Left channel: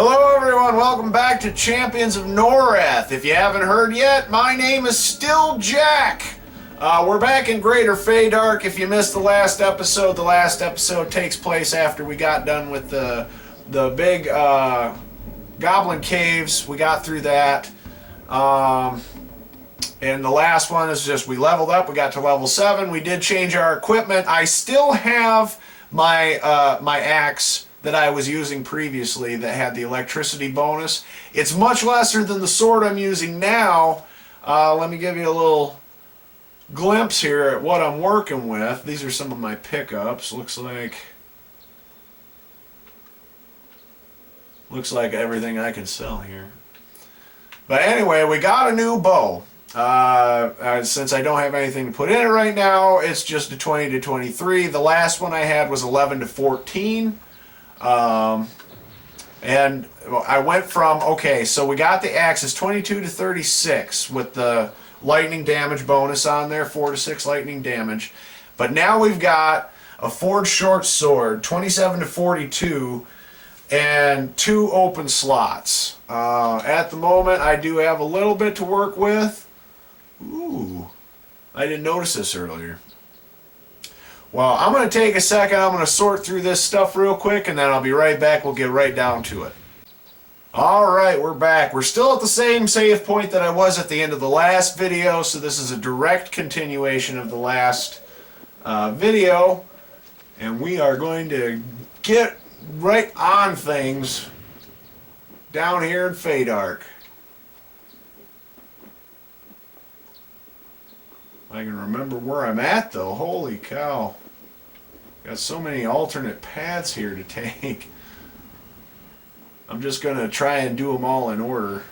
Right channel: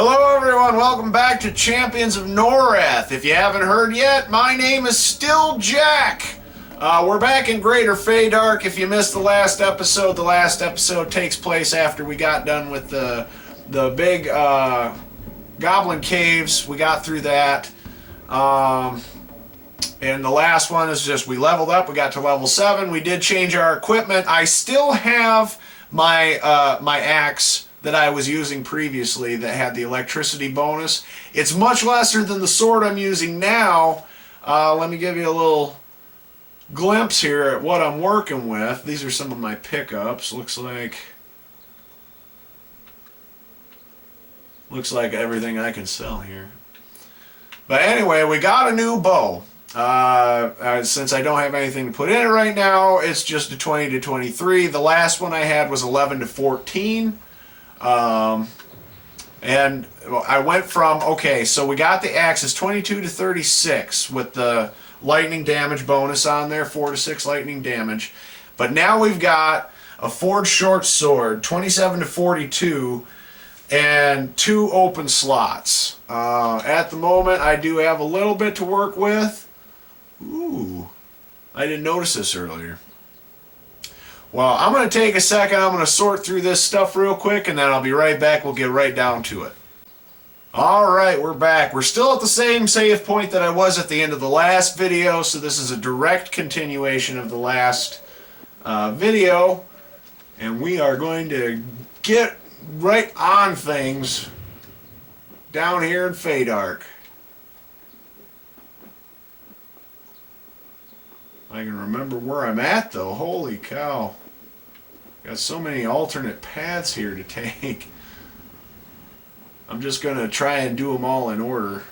Hello everyone, welcome back to Champions of Norrath. If you haven't heard yet, my name is still Jack. We're back in Greater Faydark. If you missed the last episode takes place after we got done with the big goblin caves. We got through that. And the last one is just we leveled up, we got to level 7. We did change our equipment. I still have my my axe that I was using previously that had the electricity bonus. It's much lesser than the sword I'm using now. Let me give you a little glimpse here at what I'm working with. These are some of my pickups. Looks like everything I can sell here. But anyway, we got a new bow. Since I don't have anything to put in it right now, it's just a 20 to 23. The last one I had was 11 to 14. And I went from, okay, so we got the axes 22 to 36 with the lightning damage bonus on there, 4 to 6 lightning damage. But now we've got a forged short sword, 27 to 42, and 2 open slots. At the moment, I do have a little bit to work with. Ooh, I didn't notice this earlier. Well, I'm going to take a second. I'm going to sort through this stuff real quick, and then I'll be right back. We'll get right down to it. Alright, we're back. We're still at the same save point that I was at the end of the last video, so this is a direct continuation of the last video. And we are going to get right on things down here in Faydark. I can remember where I'm at though. Holy cow. Got so many alternate paths here to take. I'm just going to try and do them all in order.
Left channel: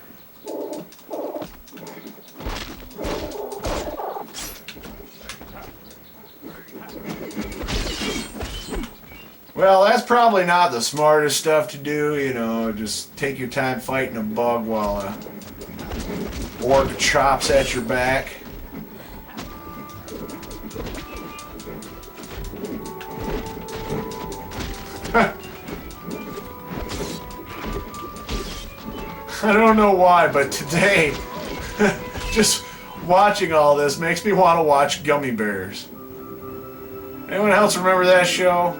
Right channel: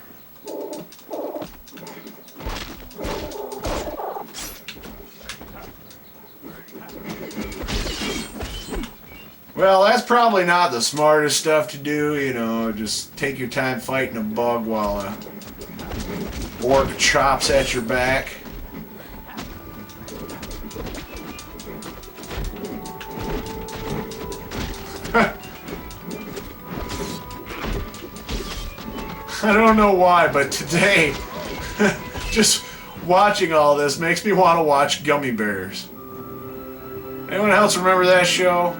Well, that's probably not the smartest stuff to do, you know, just take your time fighting a bug while a orc chops at your back. I don't know why, but today, just watching all this makes me want to watch Gummy Bears. Anyone else remember that show?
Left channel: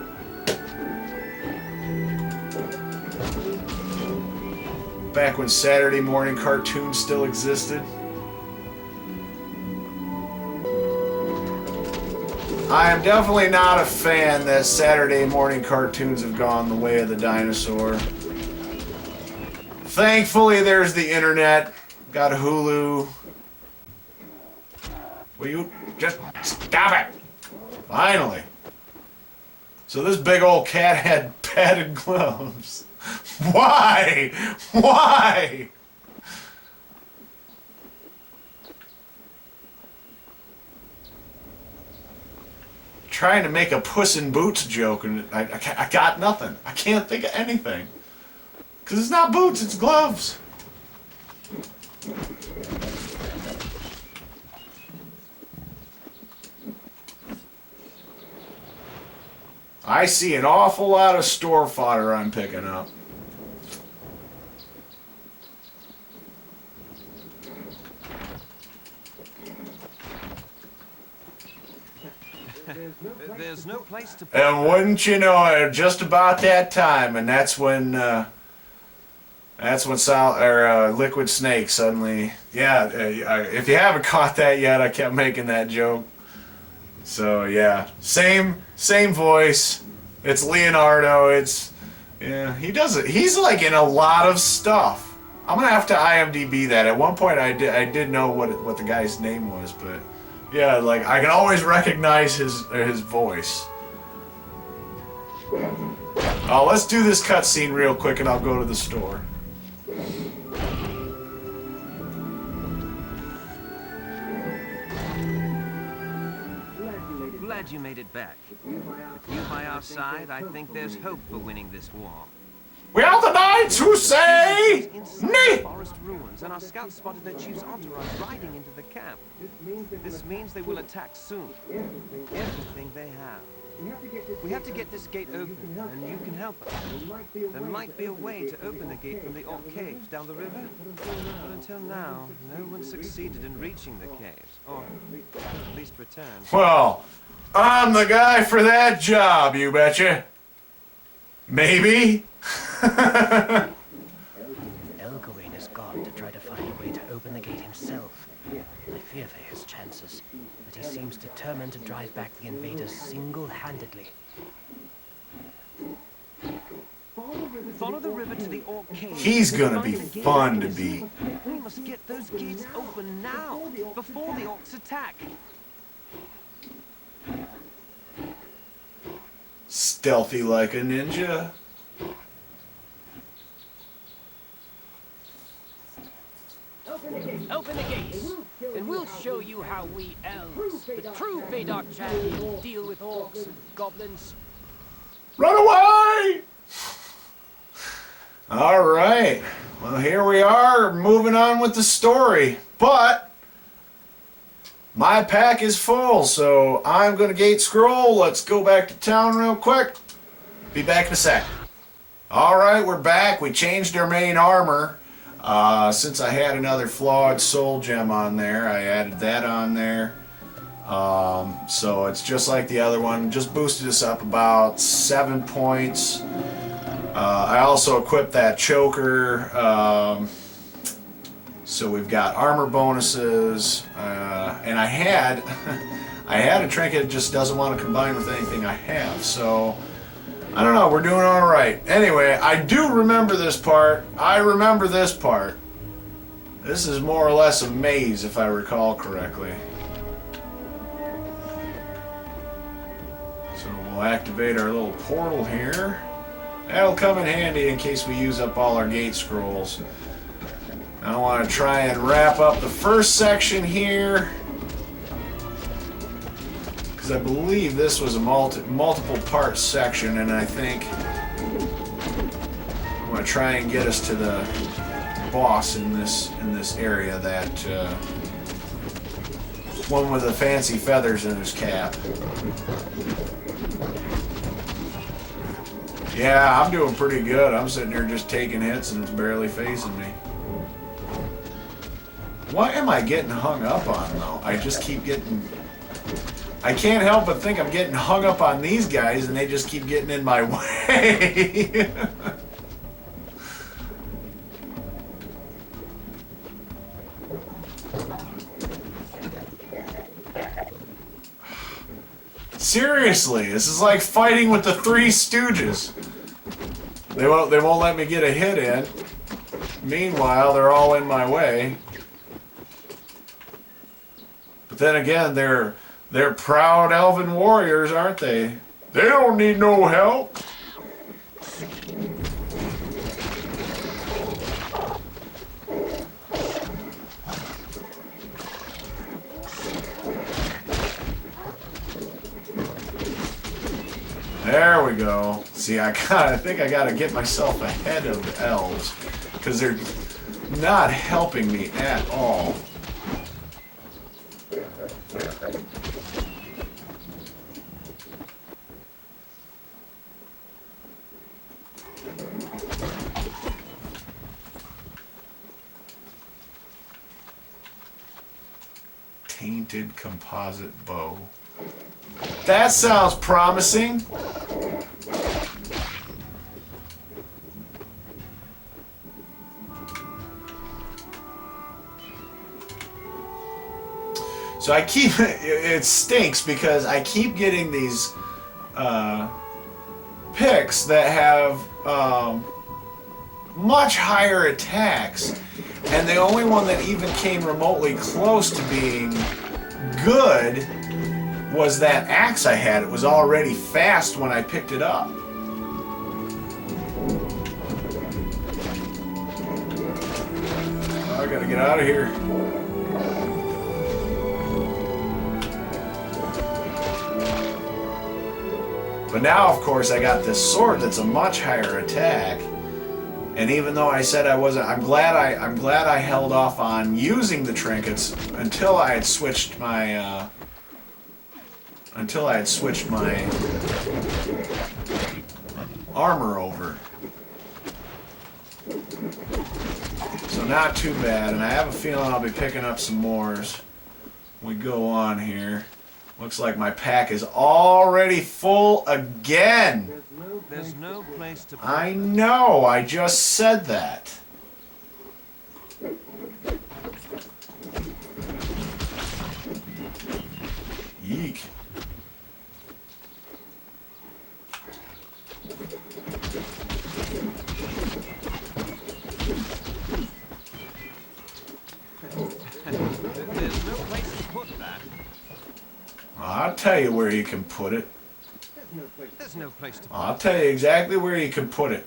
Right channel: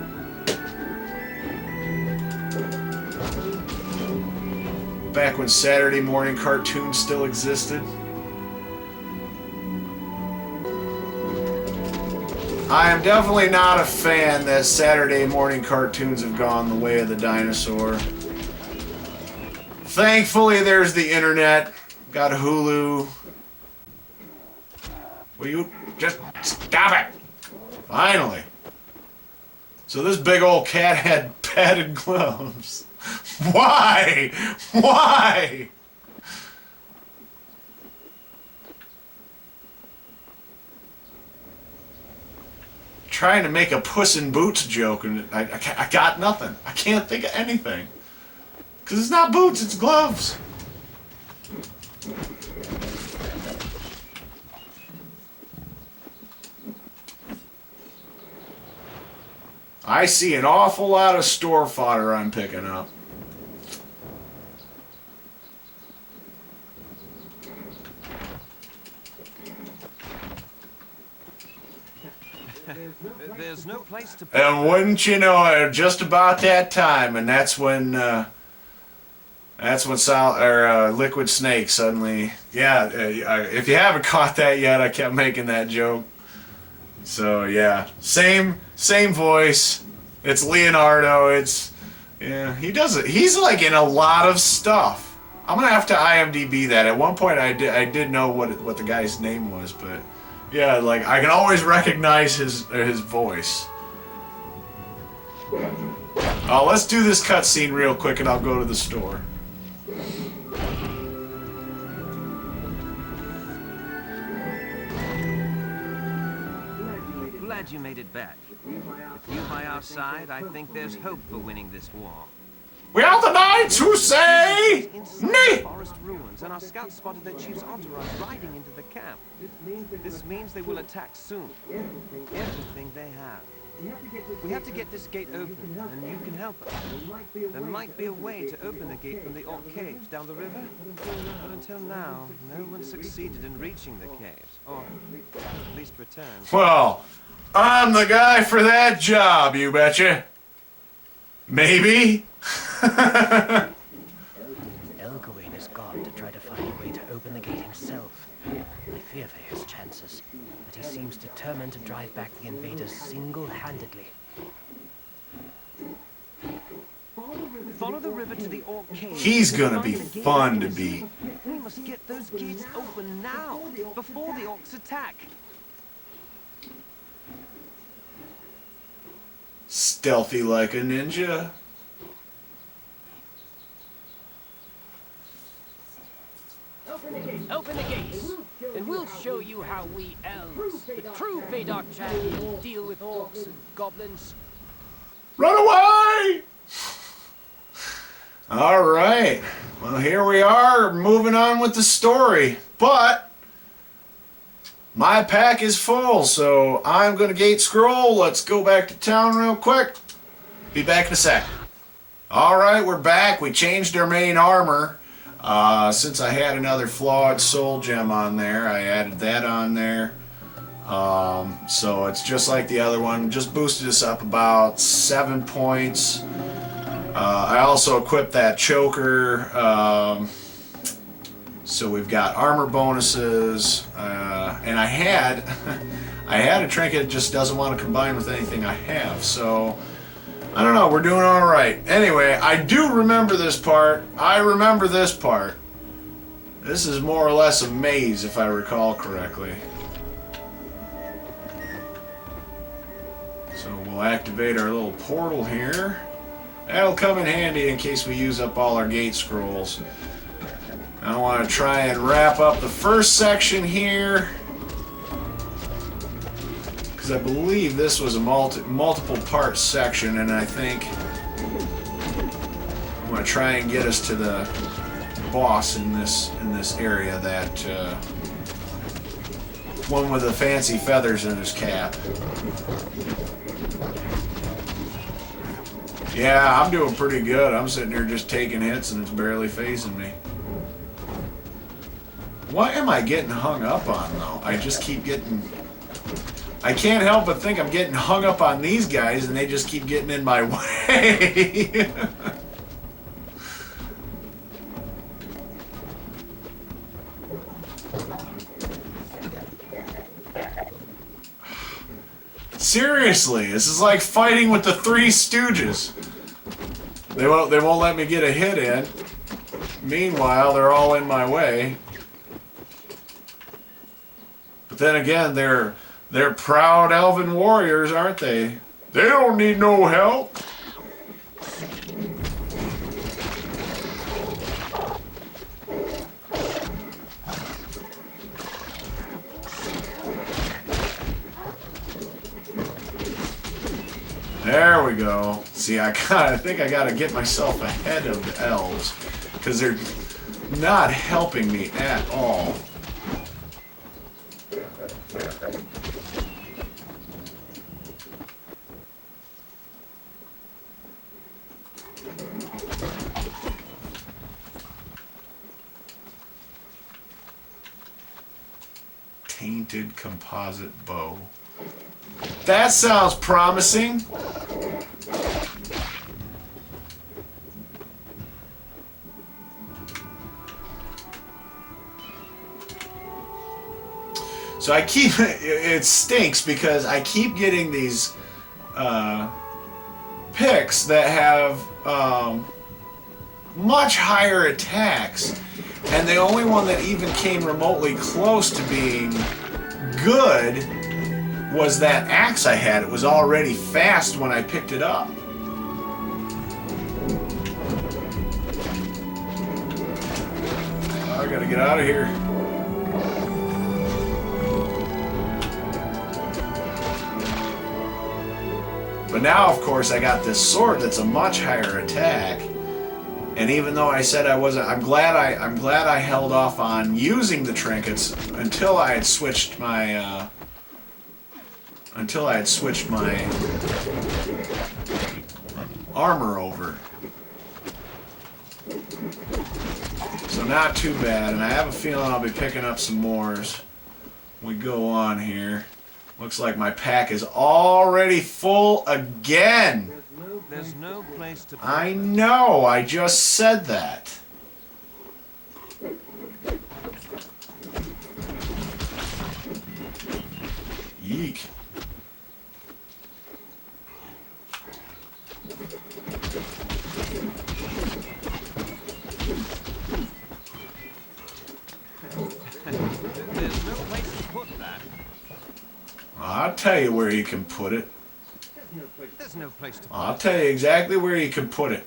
Back when Saturday morning cartoons still existed. I am definitely not a fan that Saturday morning cartoons have gone the way of the dinosaur. Thankfully, there's the internet. Got Hulu. Will you just stop it? Finally. So this big old cat had padded gloves. Why? Why? Trying to make a Puss in Boots joke, and I got nothing. I can't think of anything. Because it's not boots, it's gloves. I see an awful lot of store fodder I'm picking up. There's no place to. And wouldn't you know it, just about that time, and that's when Liquid Snake suddenly, yeah, if you haven't caught that yet, I kept making that joke. So yeah, same voice. It's Leonardo. It's, yeah, he does it. He's like in a lot of stuff. I'm gonna have to IMDb that. At one point, I did know what the guy's name was, but yeah, like I can always recognize his voice. Oh, let's do this cutscene real quick, and I'll go to the store. Glad you made it back. With you by our side, I think there's hope for winning this war. We are the knights who say nay! Forest ruins, and our scouts spotted their chief's entourage riding into the camp. This means they will attack soon. Everything they have. We have to get this gate open, and you can help us. There might be a way to open the gate from the Orc Caves down the river, but until now, no one succeeded in reaching the caves, or at least return. Well, I'm the guy for that job, you betcha. Maybe? Elgawain has gone to try to find a way to open the gate himself. I fear for his chances, but he seems determined to drive back the invaders single-handedly. Follow the river to the Orc Caves. He's and gonna find be the gate fun to mechanism. beat. We must get those gates open now, before the Orcs attack. Stealthy like a ninja. Open the gates, and we'll show you how we elves, the true Faydark champions, deal with orcs and goblins. Run away! All right. Well, here we are, moving on with the story. But my pack is full, so I'm going to gate scroll. Let's go back to town real quick. Be back in a sec. All right, we're back. We changed our main armor. Since I had another flawed soul gem on there, I added that on there. So it's just like the other one. Just boosted us up about 7 points. I also equipped that choker. So we've got armor bonuses. And I had a trinket that just doesn't want to combine with anything I have. So I don't know, we're doing all right. Anyway, I do remember this part. I remember this part. This is more or less a maze, if I recall correctly. So we'll activate our little portal here. That'll come in handy in case we use up all our gate scrolls. I want to try and wrap up the first section here, because I believe this was a multiple part section, and I think I'm going to try and get us to the boss in this area, that one with the fancy feathers in his cap. Yeah, I'm doing pretty good. I'm sitting here just taking hits and it's barely phasing me. What am I getting hung up on, though? I just keep getting... I can't help but think I'm getting hung up on these guys, and they just keep getting in my way. Seriously, this is like fighting with the Three Stooges. They won't let me get a hit in. Meanwhile, they're all in my way. But then again, they're proud elven warriors, aren't they? They don't need no help. There we go. See, I think I gotta get myself ahead of the elves, because they're not helping me at all. Tainted composite bow. That sounds promising. So I keep, it stinks because I keep getting these picks that have much higher attacks, and the only one that even came remotely close to being good was that axe I had. It was already fast when I picked it up. I gotta get out of here. But now, of course, I got this sword that's a much higher attack. And even though I said I wasn't, I'm glad I held off on using the trinkets until I had switched my until I had switched my armor over. So not too bad, and I have a feeling I'll be picking up some more as we go on here. Looks like my pack is already full again. There's no place to put I them. know, I just said that. Yeek. There's no place to put that. I'll tell you where you can put it. There's no place to put I'll tell you exactly where you can put it.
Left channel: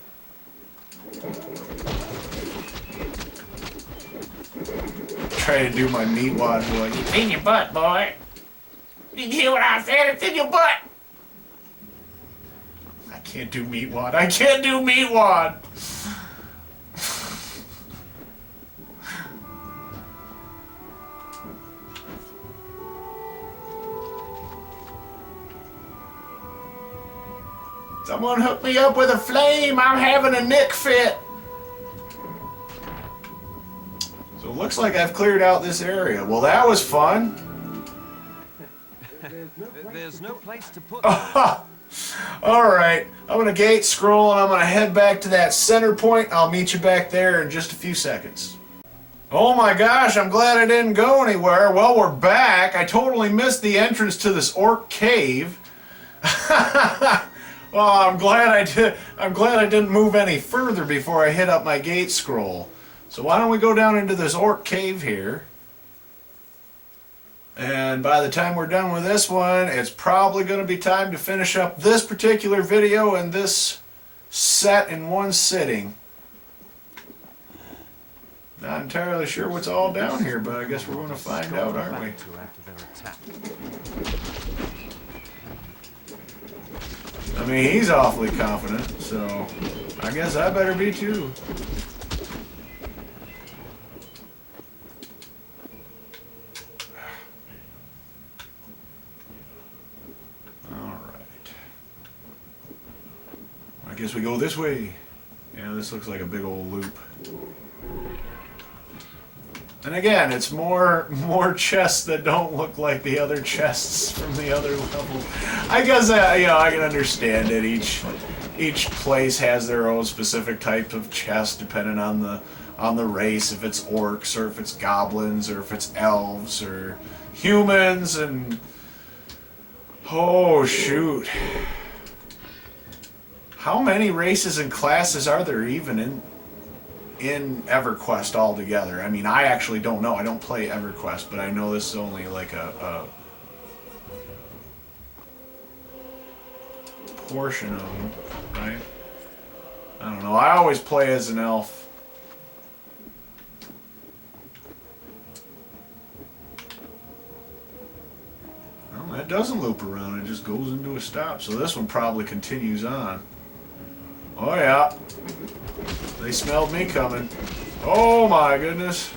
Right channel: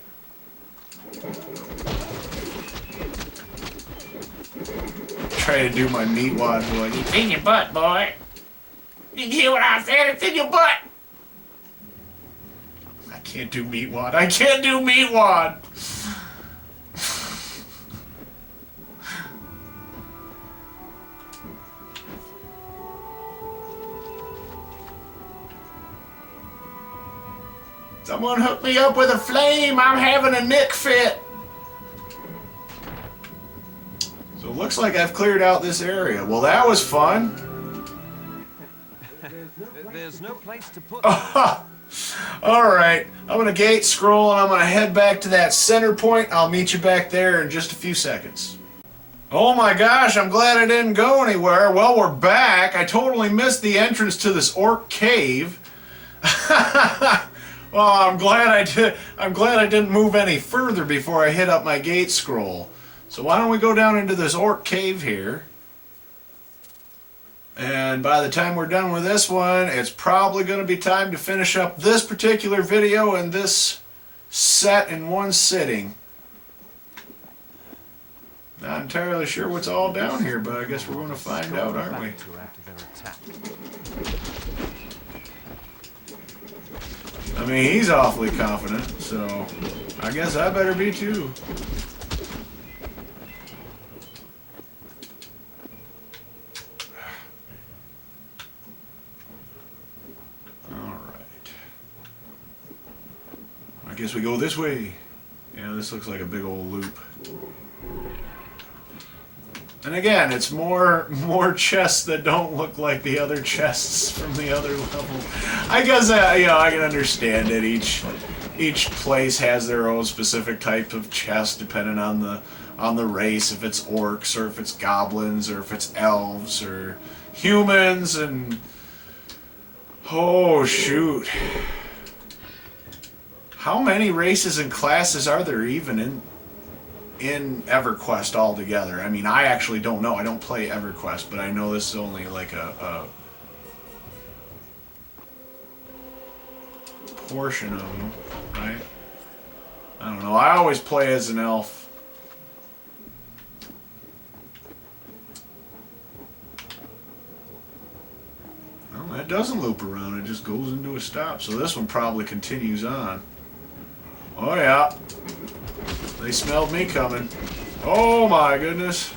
Try to do my meat wad boy. It's in your butt, boy. Did you hear what I said? It's in your butt. I can't do meat wad. I can't do meat wad. Someone hook me up with a flame. I'm having a nick fit. So it looks like I've cleared out this area. Well, that was fun. There's no place to put that. Alright, I'm gonna gate scroll and I'm gonna head back to that center point. I'll meet you back there in just a few seconds. Oh my gosh, I'm glad I didn't go anywhere. Well, we're back. I totally missed the entrance to this orc cave. Well, I'm glad I did. I'm glad I didn't move any further before I hit up my gate scroll. So why don't we go down into this orc cave here? And by the time we're done with this one, it's probably going to be time to finish up this particular video and this set in one sitting. Not entirely sure what's all down here, but I guess we're going to find out, aren't we? After their attack. I mean, he's awfully confident, so I guess I better be too. Alright. I guess we go this way. Yeah, this looks like a big old loop. And again, it's more chests that don't look like the other chests from the other level. I guess you know, I can understand it. Each place has their own specific type of chest, depending on the race. If it's orcs, or if it's goblins, or if it's elves, or humans, and oh shoot, how many races and classes are there even in EverQuest altogether? I mean, I actually don't know. I don't play EverQuest, but I know this is only like a portion of them, right? I don't know. I always play as an elf. Well, that doesn't loop around. It just goes into a stop. So this one probably continues on. Oh yeah. They smelled me coming. Oh my goodness.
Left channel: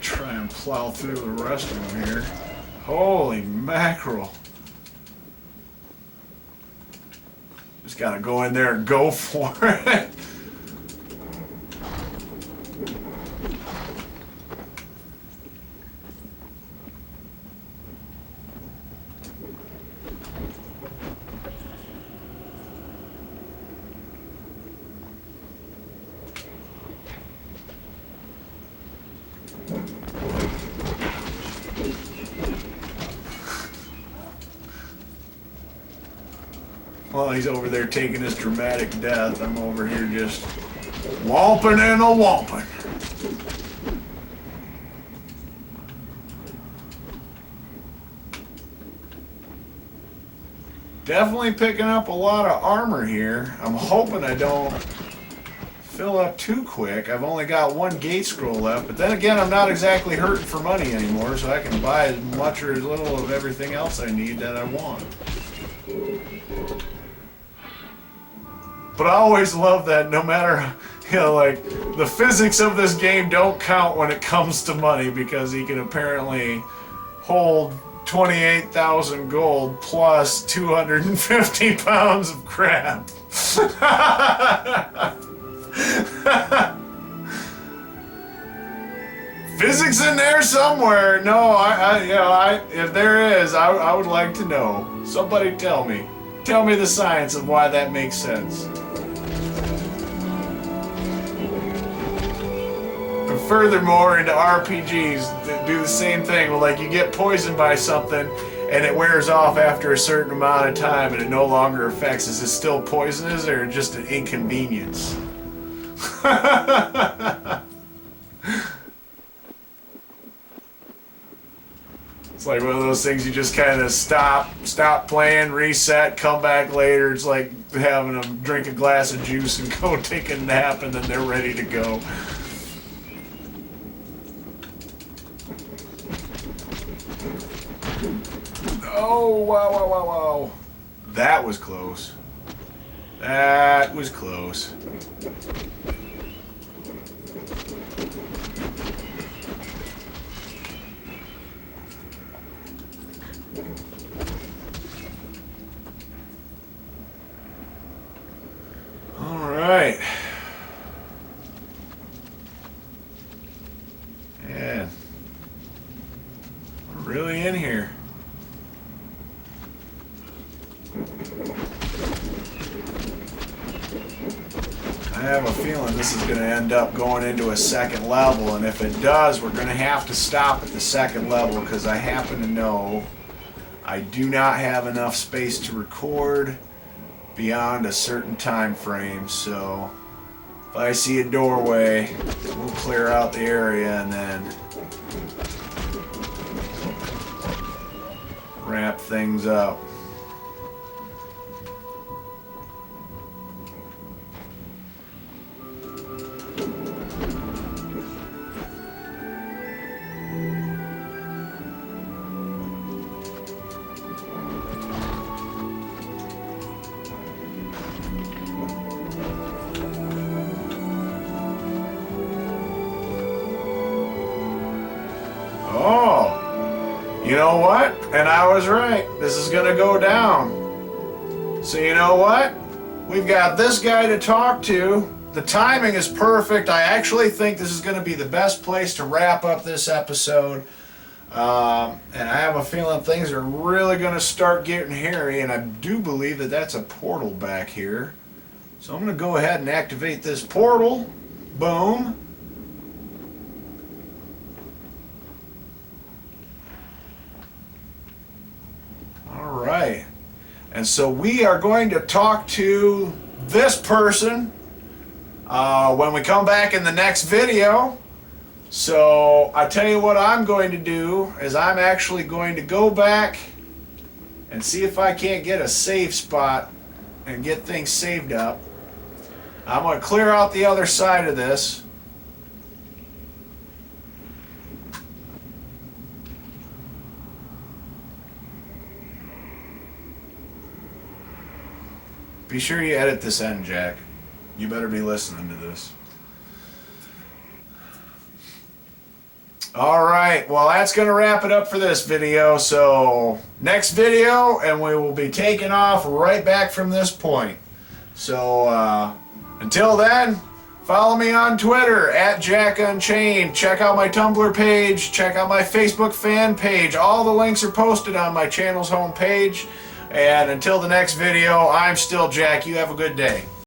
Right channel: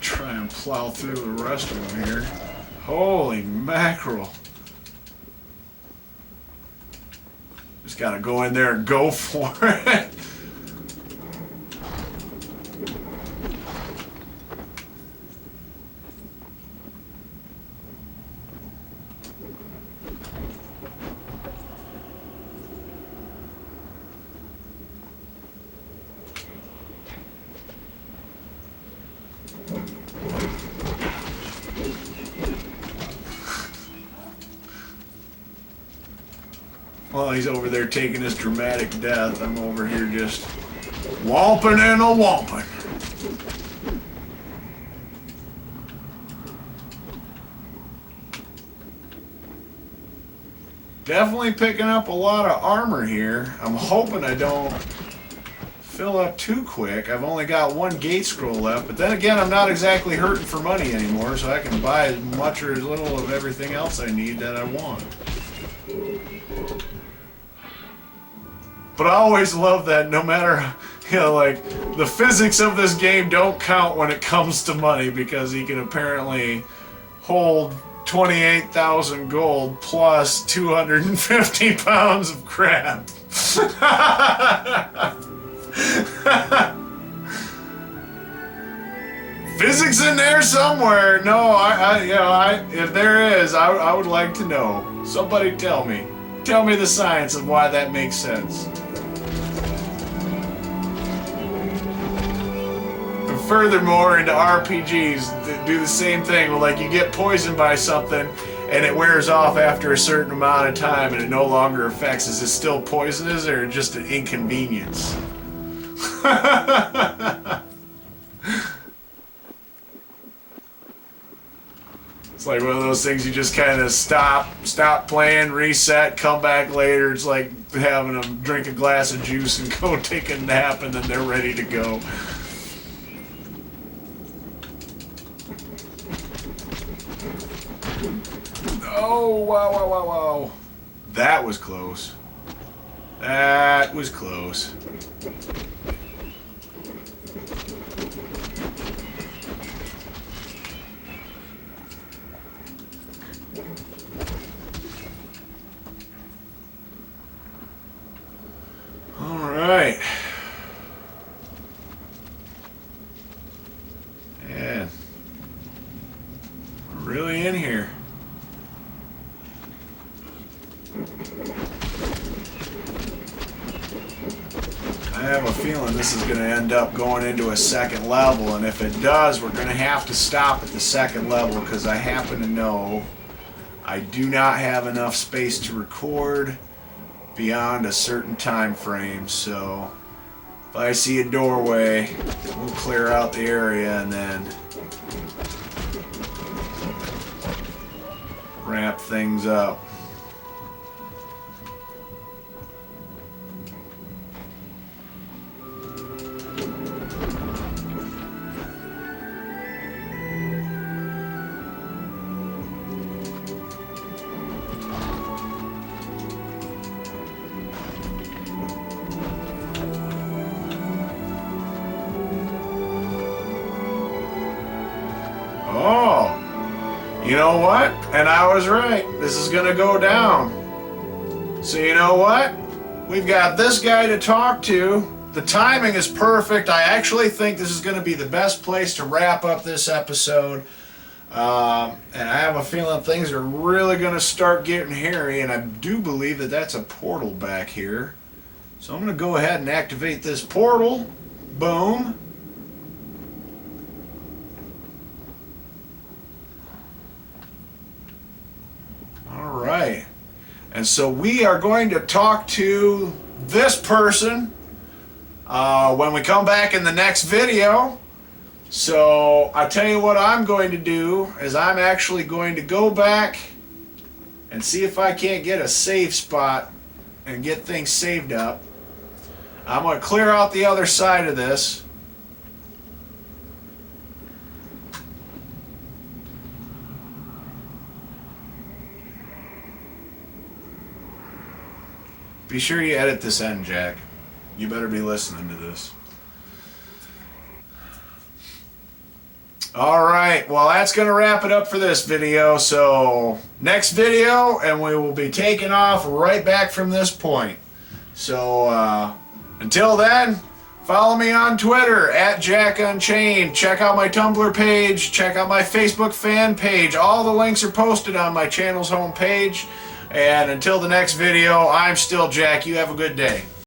Try and plow through the rest of them here. Holy mackerel. Just gotta go in there and go for it. While he's over there taking his dramatic death, I'm over here just whomping and a whomping. Definitely picking up a lot of armor here. I'm hoping I don't fill up too quick. I've only got one gate scroll left, but then again, I'm not exactly hurting for money anymore, so I can buy as much or as little of everything else I need that I want. But I always love that no matter, like, the physics of this game don't count when it comes to money, because he can apparently hold 28,000 gold plus 250 pounds of crap. Physics in there somewhere. No, if there is, I would like to know. Somebody tell me. Tell me the science of why that makes sense. And furthermore, into RPGs, do the same thing. Well, like, you get poisoned by something, and it wears off after a certain amount of time, and it no longer affects. Is it still poisonous, or just an inconvenience? It's like one of those things you just kind of stop playing, reset, come back later. It's like having them drink a glass of juice and go take a nap, and then they're ready to go. Oh, wow, wow, wow, wow. That was close. That was close. All right. Man, we're really in here. I have a feeling this is going to end up going into a second level, and if it does, we're going to have to stop at the second level, because I happen to know I do not have enough space to record beyond a certain time frame. So if I see a doorway, we'll clear out the area and then wrap things up. Oh, you know what? And I was right. This is gonna go down. So you know what? We've got this guy to talk to. The timing is perfect. I actually think this is gonna be the best place to wrap up this episode. And I have a feeling things are really gonna start getting hairy, and I do believe that that's a portal back here. So I'm gonna go ahead and activate this portal. Boom. All right, and so we are going to talk to this person when we come back in the next video. So I tell you what I'm going to do is I'm actually going to go back and see if I can't get a save spot and get things saved up. I'm going to clear out the other side of this. Be sure you edit this end, Jack. You better be listening to this. Alright, well that's going to wrap it up for this video. So, next video, and we will be taking off right back from this point. So, until then, follow me on Twitter, @JackUnchained. Check out my Tumblr page. Check out my Facebook fan page. All the links are posted on my channel's homepage. And until the next video, I'm still Jack. You have a good day.